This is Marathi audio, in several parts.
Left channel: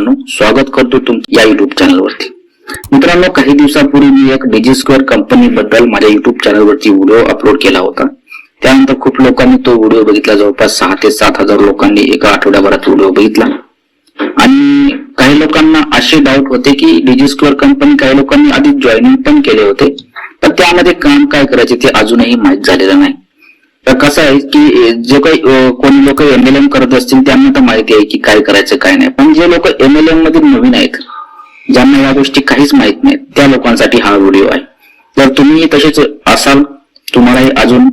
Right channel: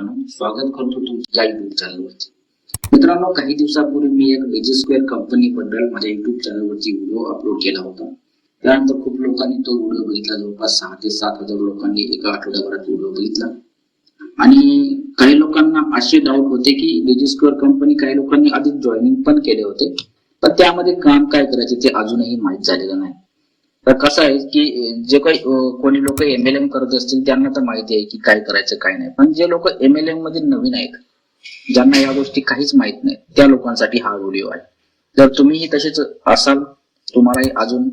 मित्रांनो, स्वागत करतो तुमच्या या युट्यूब चॅनलवरती। मित्रांनो, काही दिवसापूर्वी मी एक डिजिस्क्वेअर कंपनी बद्दल माझ्या युट्यूब चॅनलवरती व्हिडिओ अपलोड केला होता। त्यानंतर खूप लोकांनी तो व्हिडिओ बघितला, जवळपास 6 ते 7 हजार लोकांनी एका आठवड्याभरात व्हिडिओ बघितला। आणि काही लोकांना असे डाऊट होते की डिजिस्क्वेअर कंपनी काही लोकांनी आधी जॉईनिंग पण केले होते, तर त्यामध्ये काम काय करायचे ते अजूनही माहीत झालेलं नाही। तर कसं आहे की जे काही कोणी लोक MLM करत असतील त्यांना तर माहिती आहे की काय करायचं काय नाही, पण जे लोक MLM मध्ये नवीन आहेत, ज्यांना या गोष्टी काहीच माहित नाहीत, त्या लोकांसाठी हा व्हिडिओ आहे। जर तुम्ही तसेच असाल, तुम्हाला अजून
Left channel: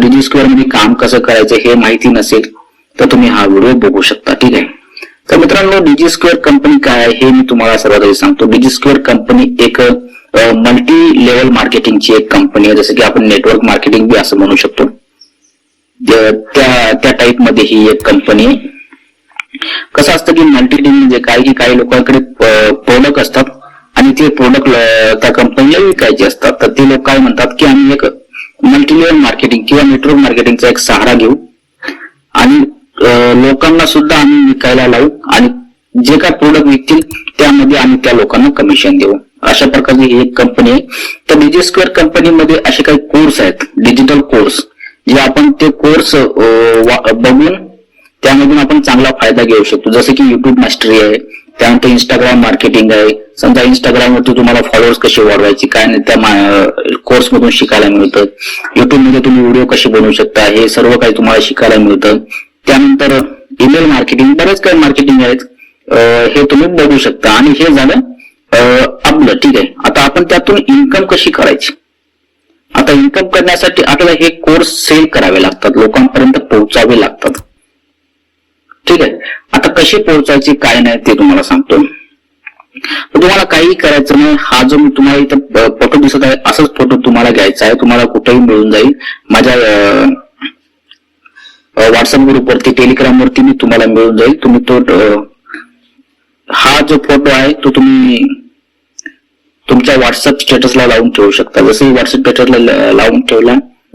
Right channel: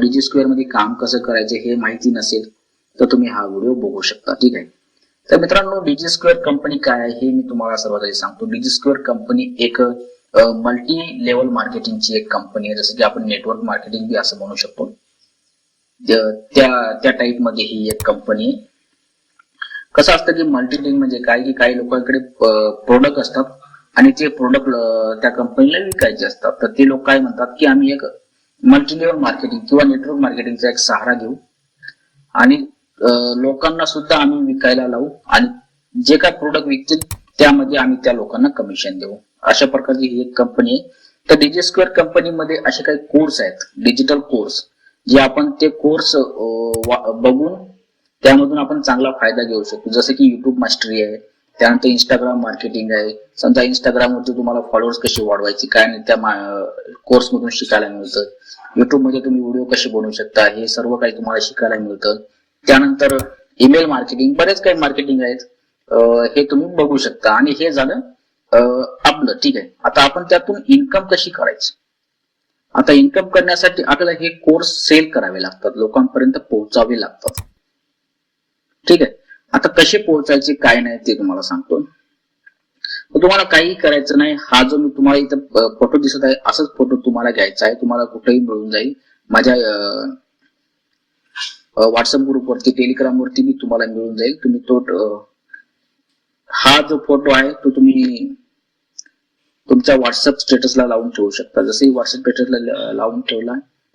डिजिस्क्वेअर मध्ये काम कसं करायचं हे माहिती नसेल, तर तुम्ही हा व्हिडिओ बघू शकता, ठीक आहे। तर मित्रांनो, डिजिस्क्वेअर कंपनी काय आहे हे मी तुम्हाला सर्वात आधी सांगतो। डिजिस्क्वेअर कंपनी एक मल्टी लेवल मार्केटिंगची एक कंपनी आहे, जसं की आपण नेटवर्क मार्केटिंग बी असं म्हणू शकतो। त्या टाइप मध्ये ही एक कंपनी आहे। कसं असतं की मल्टीटिंग म्हणजे काय की काही लोकांकडे प्रोडक्ट असतात आणि ते प्रोडक्ट त्या कंपनीला विकायचे असतात, तर ते लोक काय म्हणतात की आम्ही एक मल्टी लेवल मार्केटिंग किंवा नेटवर्क मार्केटिंगचा एक सहारा घेऊ आणि लोकांना सुद्धा आम्ही विकायला लावू आणि जे काय प्रोडक्ट विकतील त्यामध्ये आम्ही त्या लोकांना कमिशन देऊ, अशा प्रकारची ही एक कंपनी आहे। तर डिजिस्क्वेअर कंपनीमध्ये असे काही कोर्स आहेत, डिजिटल कोर्स, जे आपण ते कोर्स बघून त्यामधून आपण चांगला फायदा घेऊ शकतो। जसे की युट्यूब मास्टरी आहे, त्यानंतर इंस्टाग्राम मार्केटिंग आहे। समजा इंस्टाग्रामवरती तुम्हाला फॉलोअर्स कसे वाढवायचे काय नाही त्या कोर्स मधून शिकायला मिळतं। युट्यूब मध्ये तुम्ही व्हिडिओ कसे बनवू शकता हे सर्व काही तुम्हाला शिकायला मिळतं। त्यानंतर ईमेल मार्केटिंग, बरेच काही मार्केटिंग आहेत, हे तुम्ही बघू शकता। आणि हे झालं आपलं, ठीक आहे। आता आपण त्यातून इन्कम कशी करायची, आता इन्कम करण्यासाठी आपल्याला हे कोर्स सेल करावे लागतात, लोकांपर्यंत पोहोचावे लागतात, ठीक आहे। आता कसे पोहोचायचे काय नाही ते तुम्हाला सांगतो। तुम्हाला काही करायचं नाही, हा जो मी तुम्हाला इथं फोटो दिसत आहे असाच फोटो तुम्हाला घ्यायचा आहे, तुम्हाला कुठेही मिळून जाईल। माझ्या व्हॉट्सअप ग्रुपवरती, टेलिग्राम वरती मी तुम्हाला मिळून जाईल। तुम्ही तो हा जो फोटो आहे तो तुम्ही तुमच्या व्हॉट्सअप स्टेटसला लावून ठेवू शकता। जसं व्हॉट्सअप स्टेटसला लावून ठेवला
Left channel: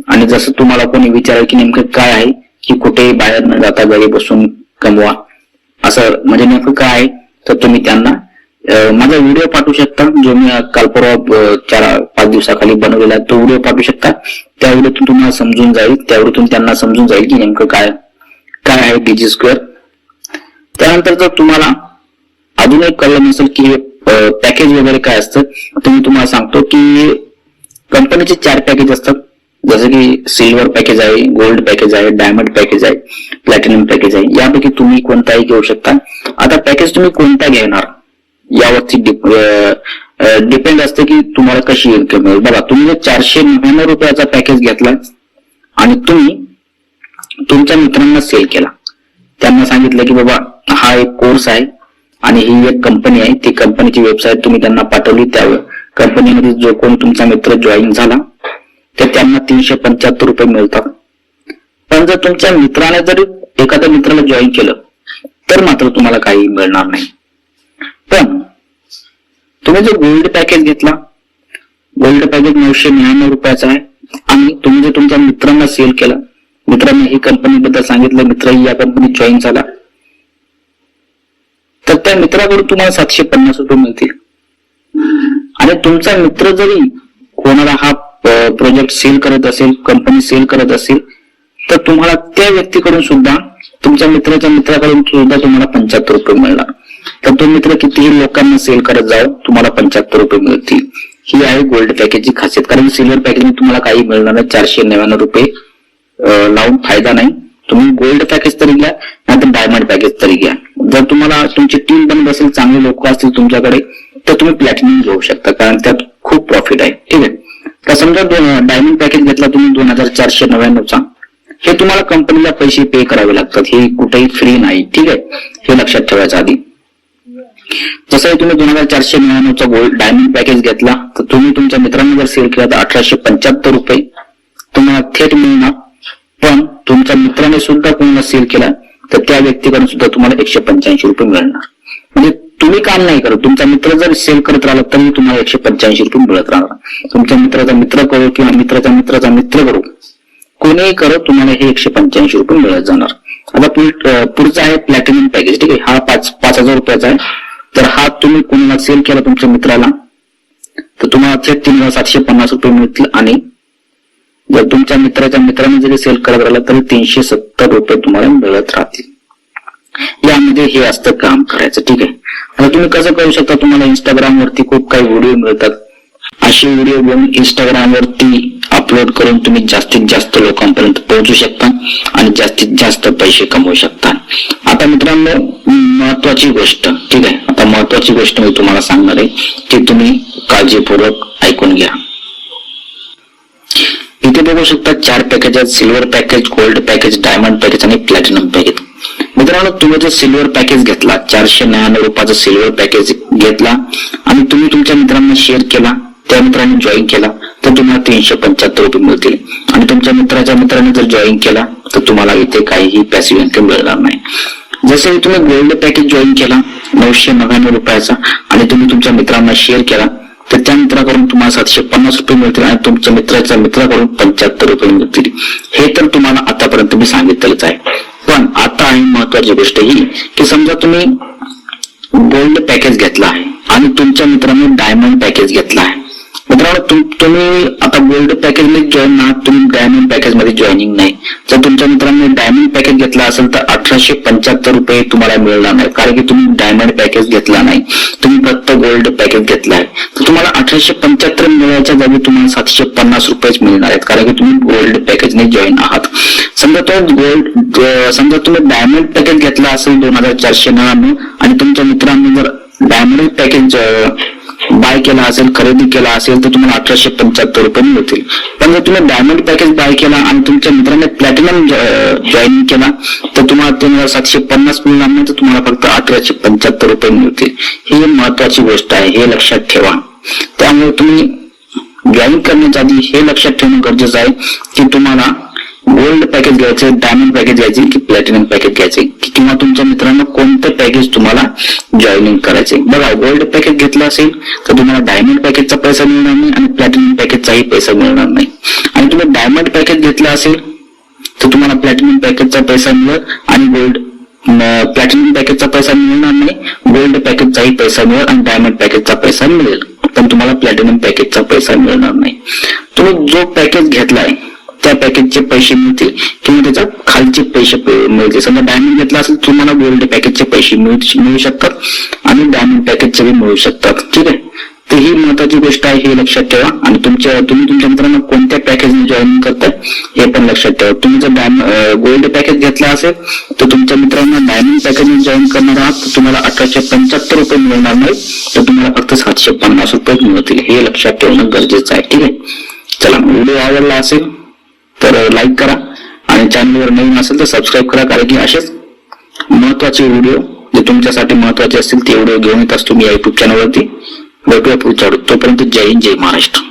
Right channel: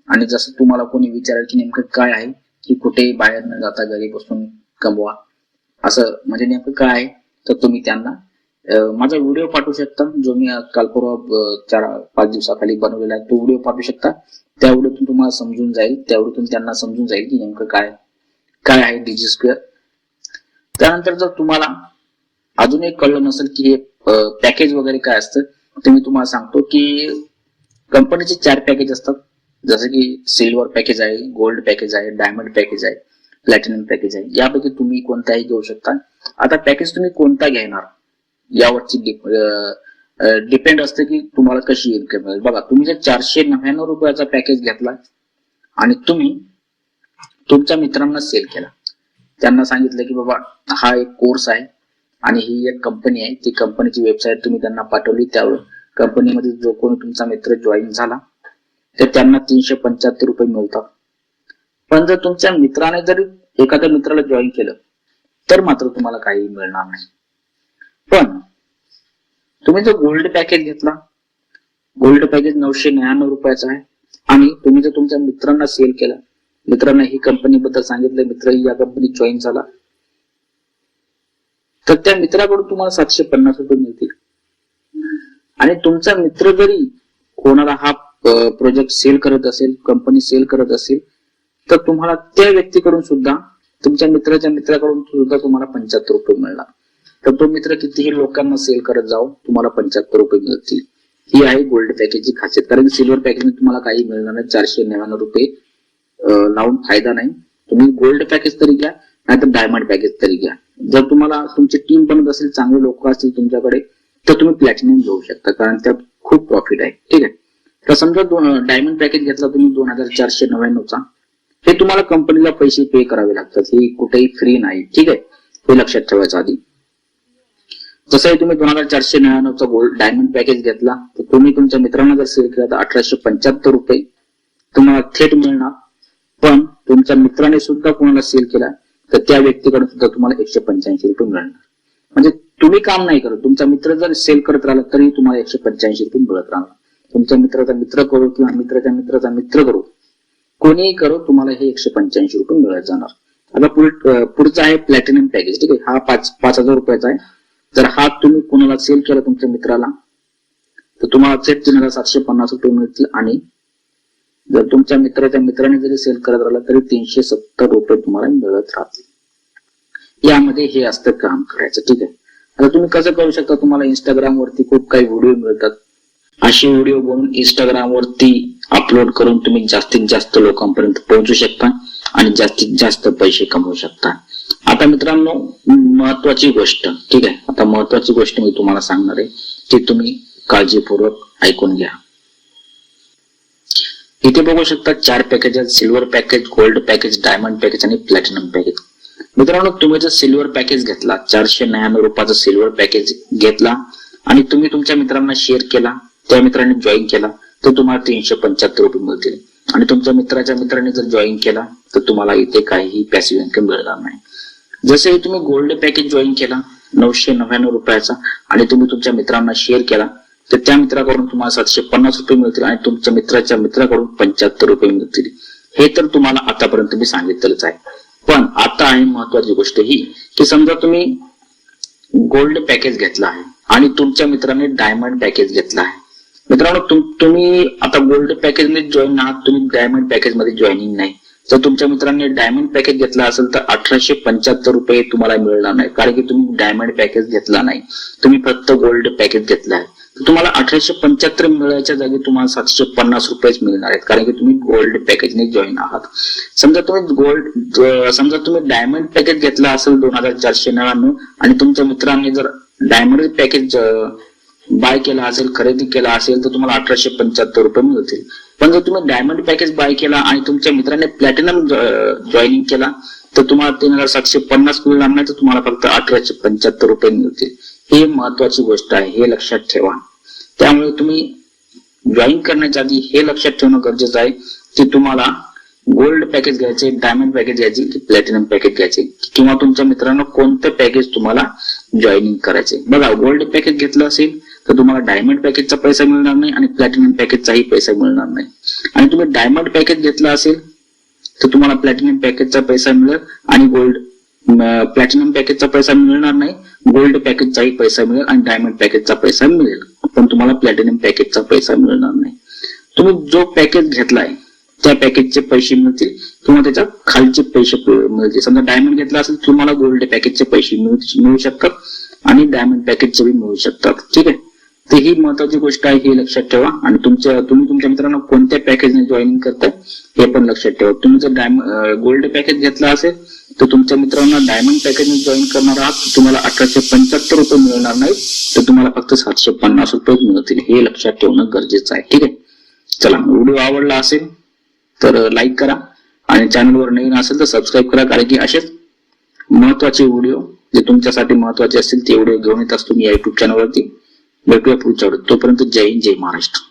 आणि जसं तुम्हाला कोणी विचारेल की नेमकं काय आहे की कुठेही बाहेर न जाता घरी बसून कमवा, असं म्हणजे नेमकं काय आहे, तर तुम्ही त्यांना माझा व्हिडिओ पाठवू शकता, जो मी काल परवा 4-5 दिवसाखाली बनवलेला आहे, तो व्हिडिओ पाठवू शकता। त्या व्हिडिओतून तुम्हाला समजून जाईल, त्या व्हिडिओतून त्यांना समजून जाईल की नेमकं काय काय आहे डिजिस्क्वेअर। त्यानंतर जर तुम्हाला अजून एक कळलं नसेल की पॅकेज वगैरे काय असतं, तर मी तुम्हाला सांगतो की कंपनीचे 4 पॅकेज असतात, जसं की सिल्वर पॅकेज आहे, गोल्ड पॅकेज आहे, डायमंड पॅकेज आहे, प्लॅटिनम पॅकेज आहे। यापैकी तुम्ही कोणताही घेऊ शकता। आता पॅकेज तुम्ही कोणता घेणार यावरती डिपेंड असते की तुम्हाला कशी इन्कम मिळेल। बघा, तुम्ही जर 499 रुपयाचा पॅकेज घेतला आणि तुम्ही तुमच्या मित्रांना सेल केला, त्यांना सांगितलं की बाबा हा एक कोर्स आहे आणि ही एक कंपनी आहे, ती कंपनीची वेबसाईट तुम्ही त्यांना पाठवली, त्या कंपनीमध्ये जो कोण तुमचा मित्र जॉईन झाला तर त्यांना 375 रुपये मिळतात। पण जर तुमच्या मित्राने जर एखाद्या मित्राला जॉईन केलं तर मात्र तुम्हाला काही मिळणार नाही। पण तुम्ही जर गोल्ड पॅकेज घेतला, गोल्ड पॅकेज 999 रुपयाचा आहे आणि तुम्ही जर तुमच्या मित्रांना सेल केला, मित्रांना ही कंपनीबद्दल सांगितलं, मित्रही या कंपनीत जॉईन झाला, तर त्या मित्राकडून तुम्हाला 750 रुपये मिळतील। आणि तुमचा मित्र जरी कोणाला हा प्रोजेक्ट सेल करत असेल, कंपनी सेल करत असेल, तर तुम्हाला त्या व्यक्तीकडून सुद्धा, तुमच्या मित्राच्या मित्राकडून सुद्धा तुम्हाला 75 रुपये मिळणार। तर तो मित्र कितीही लोकांना सेल करत जाओ, तुम्हाला 75 रुपये मिळतील। ही आहे गोल्ड पॅकेजची खासियत। कारण सिल्वर पॅकेज तुम्हाला काही मिळणार नाही, 499 रुपये लावून फायदा नाही। तुम्ही गोल्ड पॅकेज तरी घ्या, नाहीतर डायमंड पॅकेज तरी घ्या। जर तुम्हाला तुमची टीम बनत असेल, चांगले लोक असतील तुमच्याकडे, तर तुम्ही प्लॅटिनम घेऊ शकता, कारण त्यात खूप प्रॉफिट आहे, ठीक आहे। तर समजा डायमंड पॅकेज घेतला तुम्ही 2499 चा, हे तुम्हाला कंपनीला पैसे पे करावे लागतात, हे कुठेही फ्री नाही, ठीक आहे, हे लक्षात ठेवायचं आधी। जसं तुम्ही 2499 चा गोल्ड डायमंड पॅकेज घेतला, तर तुम्ही तुमच्या मित्रांना जर सेल केला तर 1875 रुपये तुम्हाला थेट मिळणार। पण तुमच्या मित्राने सुद्धा कोणाला सेल केला तर त्या व्यक्तीकडून सुद्धा तुम्हाला 185 रुपये मिळणार। म्हणजे तुम्ही काम नाही करत, तुमचा मित्र जर सेल करत राहिला तरी तुम्हाला 185 रुपये मिळत राहणार। तुमच्या मित्राचा मित्र करू किंवा मित्राचा मित्राचा मित्र करू, कोणीही करत तुम्हाला हे 185 रुपये मिळत जाणार। आता पुढचा आहे प्लॅटिनम पॅकेज, ठीक आहे। हा 5,000 रुपयाचा आहे। जर हा तुम्ही कोणाला सेल केला तुमच्या मित्राला तर तुम्हाला थेट 3750 रुपये मिळतील, आणि जर तुमच्या मित्राच्या मित्राने जरी सेल करत राहिला तरी 370 रुपये तुम्हाला मिळत राहतील. यामध्ये हे असतं काम करायचं. ठीक आहे. आता तुम्ही कसं करू शकता, तुम्हाला इंस्टाग्राम वरती खूप काही व्हिडिओ मिळतात. असे व्हिडिओ घेऊन इंस्टाग्राम वरती अपलोड करून तुम्ही जास्तीत जास्त लोकांपर्यंत पोहोचू शकता आणि जास्तीत जास्त पैसे कमवू शकता. आता मित्रांनो, महत्वाची गोष्ट, ठीक आहे, आता महत्वाची गोष्ट मी तुम्हाला सांगणार आहे ती तुम्ही काळजीपूर्वक ऐकून घ्या. इथे बघू शकता 4 पॅकेज आहेत: silver package, gold package, diamond package आणि प्लॅटिनम पॅकेज. मित्रांनो, तुम्ही जर सिल्वर पॅकेज घेतला, 499 रुपयाचा सिल्वर पॅकेज घेतला आणि तुम्ही तुमच्या मित्रांना शेअर केला, त्या मित्रांनी जॉईन केला तर तुम्हाला 375 रुपये मिळतील. आणि तुमच्या मित्राच्या मित्राने जर जॉईन केला तर तुम्हाला इथे काहीही पॅसिव्ह इन्कम मिळणार नाही. जसे तुम्ही गोल्ड पॅकेज जॉईन केला 999 रुपयाचा आणि तुम्ही तुमच्या मित्रांना शेअर केला तर त्या मित्राकडून तुम्हाला 750 रुपये मिळतील आणि तुमच्या मित्राच्या मित्राकडून 75 रुपये मिळतील. हे तर तुम्हाला आतापर्यंत मी सांगितलेलंच आहे. पण आता आहे महत्वाची गोष्ट ही की समजा तुम्ही गोल्ड पॅकेज घेतला आहे आणि तुमच्या मित्राने डायमंड पॅकेज घेतला आहे. मित्रांनो, तुम्ही आता गोल्ड पॅकेज मध्ये जॉईन आहात, तुम्ही डायमंड पॅकेज मध्ये जॉईनिंग नाही. जर तुमच्या मित्रांनी डायमंड पॅकेज घेतला असेल तर 1875 रुपये तुम्हाला मिळणार नाही, कारण की तुम्ही डायमंड पॅकेज घेतला नाही, तुम्ही फक्त गोल्ड पॅकेज घेतला आहे. तर तुम्हाला 1875 मिळायच्या जागी तुम्हाला 750 रुपयेच मिळणार आहेत, कारण की तुम्ही गोल्ड पॅकेजने जॉईन आहात. समजा तुम्ही डायमंड पॅकेज घेतला असेल 2499 आणि तुमच्या मित्रांनी जर डायमंड पॅकेज बाय केला असेल, खरेदी केला असेल तर तुम्हाला 1875 रुपये मिळतील. पण जर तुम्ही डायमंड पॅकेज बाय केला आणि तुमच्या मित्राने प्लॅटिनम जॉईन केला तर तुम्हाला 3750 मिळणार नाही, तर तुम्हाला फक्त 1875 रुपये मिळतील. ही महत्वाची गोष्ट आहे, हे लक्षात ठेवा. त्यामुळे तुम्ही जॉईन करण्याच्या आधी हे लक्षात ठेवणं गरजेचं आहे की तुम्हाला गोल्ड पॅकेज घ्यायचे, डायमंड पॅकेज घ्यायचे की प्लॅटिनम पॅकेज घ्यायचे, किंवा तुमच्या मित्रांना कोणतं पॅकेज तुम्हाला जॉईनिंग करायचे. बघा, गोल्ड पॅकेज घेतलं असेल तर तुम्हाला डायमंड पॅकेजचा पैसा मिळणार नाही आणि प्लॅटिनम पॅकेजचाही पैसा मिळणार नाही. आणि तुम्ही डायमंड पॅकेज घेतला असेल तर तुम्हाला प्लॅटिनम पॅकेजचा पैसा मिळेल आणि प्लॅटिनम पॅकेजचा पैसा मिळणार नाही, गोल्ड पॅकेजचाही पैसा मिळेल आणि डायमंड पॅकेजचा पैसा मिळेल, पण तुम्हाला प्लॅटिनम पॅकेजचा पैसा मिळणार नाही. तुम्ही जो पॅकेज घेतलाय त्या पॅकेजचे पैसे मिळतील किंवा त्याच्या खालचे पैसे मिळतील. समजा डायमंड घेतला असेल तुम्हाला गोल्ड पॅकेजचे पैसे मिळू शकतात आणि डायमंड पॅकेजचे भी मिळू शकतात. ठीक आहे. तर ही महत्वाची गोष्ट आहे, हे लक्षात ठेवा. आणि तुम्ही तुमच्या मित्रांना कोणत्या पॅकेजने जॉईन करताय हे पण लक्षात ठेवा. तुम्ही जर गोल्ड पॅकेज घेतला असेल तर तुमच्या मित्रांना डायमंड पॅकेजने जॉईन करणार आहात तर तुम्हाला 1875 रुपये मिळणार नाही, तर तुम्हाला फक्त 750 रुपये मिळतील. हे लक्षात ठेवणं गरजेचं आहे. ठीक आहे. चला, व्हिडिओ आवडला असेल तर लाईक करा आणि चॅनलवर नवीन असेल तर सबस्क्राईब करा, कारण की असेच महत्वाचे व्हिडिओ जे तुमच्यासाठी महत्वाचे असतील ते व्हिडिओ घेऊन येत असतो मी या युट्यूब चॅनलवरती. भेटूया पुढच्या व्हिडिओ. तोपर्यंत जय हिंद, जय महाराष्ट्र.